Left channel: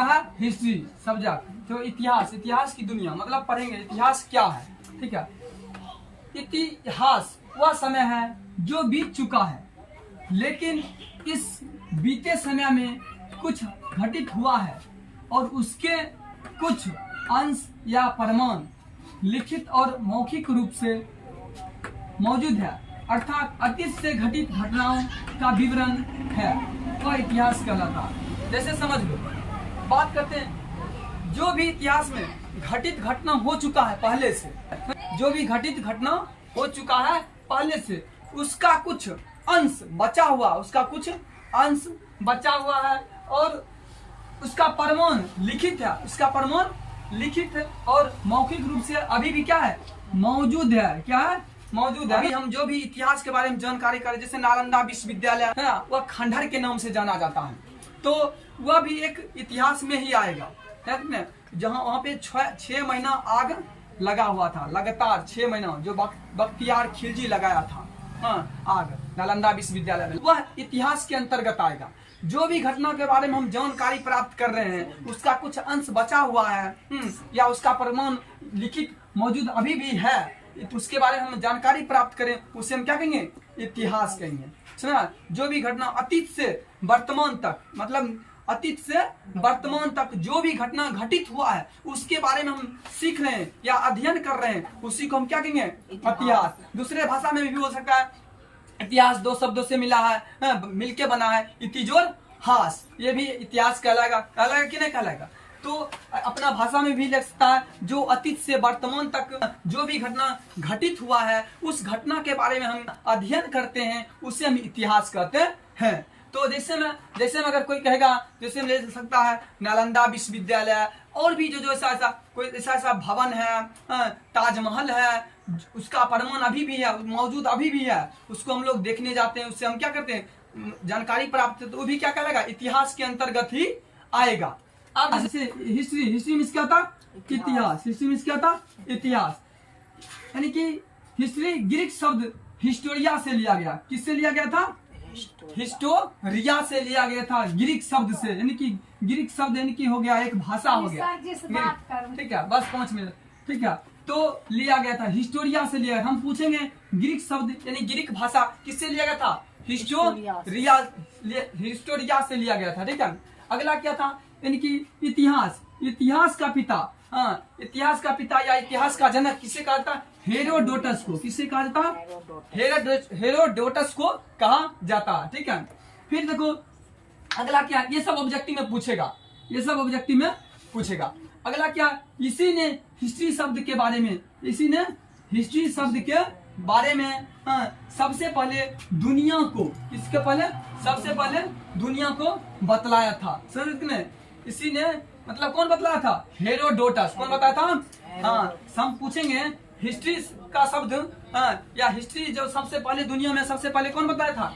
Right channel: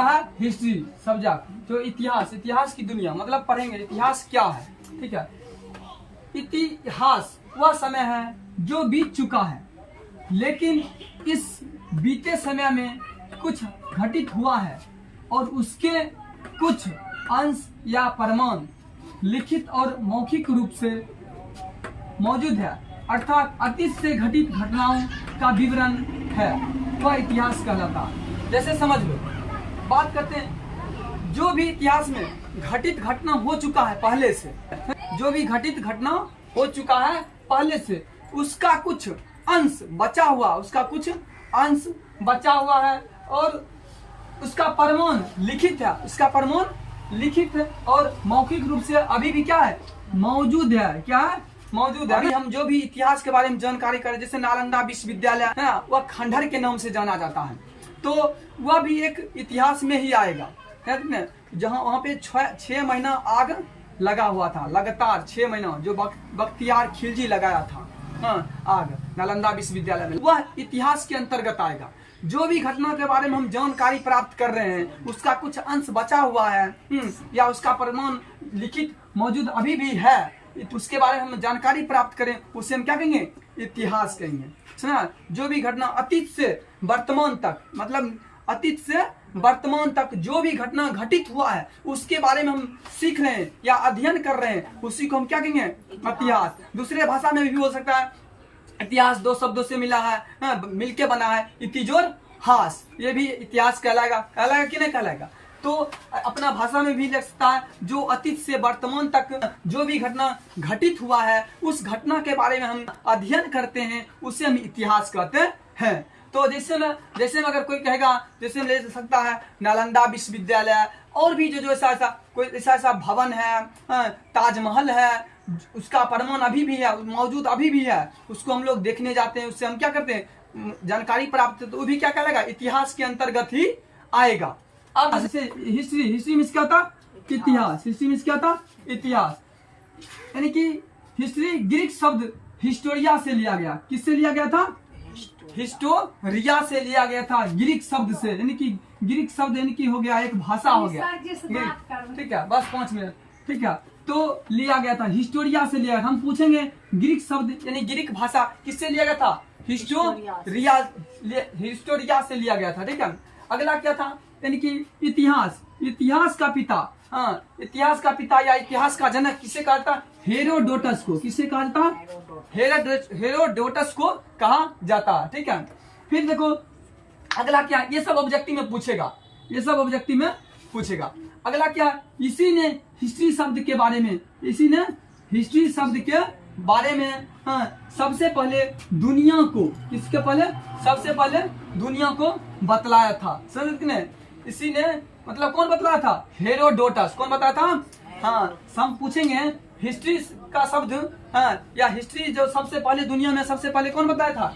क्या है, history subject, जो इतिहास की दुनिया, मतलब पढ़ेंगे इतिहास क्या है। ठीक है, इतिहास वह समय है जो बीत चुका है, लेकिन इस बीते समय में कुछ घटित हुआ है और उसके कुछ अंश या प्रमाण लिखित और मौखिक रूप से मौजूद है, अर्थात अतीत से घटित घटनाओं का विवरण है, वह इतिहास कहलाता है। जैसे समझ लो, बात करते हैं जो भी इतिहास में घटित घटना हो चुका है पहले से, जो भी घटित घटना हो चुका है पहले से, उसका कुछ अंश बचा हुआ, उसका कुछ अंश बचा हुआ है और उसका प्रमाण लिखित है, उसका प्रमाण लिखित है और मौखिक रूप से अभी भी क्या है, मौजूद है। क्या है, मौजूद है। अभी हम जो भी इतिहास के बारे में जानकारी करें, जैसे नालंदा विश्वविद्यालय है ना, वह खंडहर के नाम से जाना जाता है, तो वह भी एक इतिहास में ही आएगा, है जहाँ वहाँ पे 6 महीना आग लगा हुआ था, लगातार 6 महीना, जो बख्तियार खिलजी लगाया था आग नालंदा विश्वविद्यालय में, वह इतिहास के अंतर्गत आएगा। जो भी घटना के बारे में हम जानकारी प्राप्त कर रहे हैं, उसका कुछ अंश बचा हुआ है या उसका प्रमाण लिखित मौजूद अभी भी है, उसके बारे में हम जानकारी प्राप्त करें, उसे हम क्या कहेंगे, इतिहास कहेंगे। सुना, जो भी घटना अतीत से वर्तमान तक, मतलब अतीत से वर्तमान तक जो भी घटना घटित हुआ है, उसके बारे में हम सीख रहे हैं या अध्ययन कर रहे हैं, उसी को हम क्या कहेंगे, इतिहास। दूसरे भाषा में भी हो सकता है, इतिहास 2 शब्दों से मिला है, मिलके बना है, इतिजोर हास, ये भी इतिहास कहलाएगा कि नहीं कहलाएगा। तो अपना भाषा में भी लग सकता है, जो अतीत से वर्तमान तक जो भी घटना घटित हुआ है, उस घटना के बारे में हम अध्ययन करते हैं, उसे हम इतिहास कहते हैं। तो जैसे में अगर कोई कहेगा, जैसे ले सकता है नालंदा विश्वविद्यालय, और भी जो ऐसा भवन है, ताजमहल है, उसका प्रमाण अभी भी है, मौजूद अभी भी है, उसको हम लोग देखने जाते हैं, उससे हम क्या करते हैं, जानकारी प्राप्त, तो वो भी क्या कहलाएगा, इतिहास के अंतर्गत ही आएगा। अब जैसे हिस्ट्री में क्या था, इतिहास, हिस्ट्री में क्या था, इतिहास, यानी कि हिस्ट्री ग्रीक शब्द हिस्टोरिया से लिया गया। किससे लिया गया था, हिस्टोरिया से लिया गया था, ग्रीक शब्द से, यानी कि ग्रीक शब्द यानी कि हो गया एक भाषा हो गया, ठीक है, बस 5 मिनट, ठीक है। तो लिया गया था, हिस्टोरिया से लिया। हम पूछेंगे ग्रीक शब्द यानी ग्रीक भाषा किससे लिया गया था, हिस्टोरिया से लिया गया था, ठीक है। अगला क्या था, यानी कि इतिहास का पिता, इतिहास का पिता या इतिहास का जनक किसे कहा था, हेरोडोटस को। किसे कहा जाता, हेरोडोटस को कहा जाता है, ठीक है। फिर देखो अगला क्या, ये सब ऑब्जेक्टिव में पूछेगा, ये सब ऑब्जेक्टिव में पूछेगा। अगला क्या, इसी ने हिस्ट्री शब्द के बारे में, इसी ने हिस्ट्री शब्द के बारे में सबसे पहले दुनिया को, इसके पहले सबसे पहले दुनिया को बतलाया था, समझ में। इसी ने मतलब कौन बतलाया था, हेरोडोटस। कौन बताया था, हम पूछेंगे हिस्ट्री का शब्द, या हिस्ट्री जो सबसे पहले दुनिया में सबसे पहले कौन बताया था,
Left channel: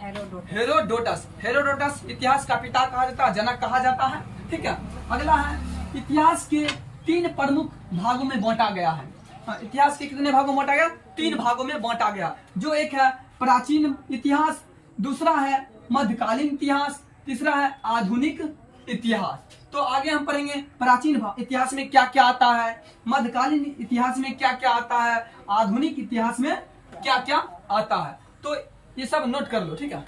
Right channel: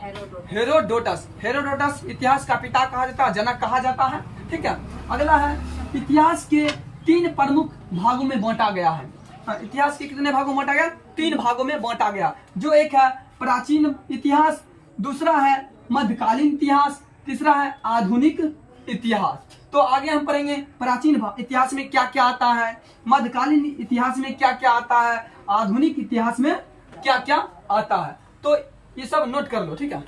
हेरोडोटस। हेरोडोटस इतिहास का पिता कहा जाता है, जनक कहा जाता है, ठीक है। अगला है, इतिहास के 3 प्रमुख भागों में बांटा गया है। इतिहास के कितने भागों में बांटा गया, 3 भागों में बांटा गया। जो एक है प्राचीन इतिहास, दूसरा है मध्यकालीन इतिहास, तीसरा है आधुनिक इतिहास। तो आगे हम पढ़ेंगे प्राचीन इतिहास में क्या क्या आता है, मध्यकालीन इतिहास में क्या क्या आता है, आधुनिक इतिहास में क्या क्या आता है। तो ये सब नोट कर लो, ठीक है।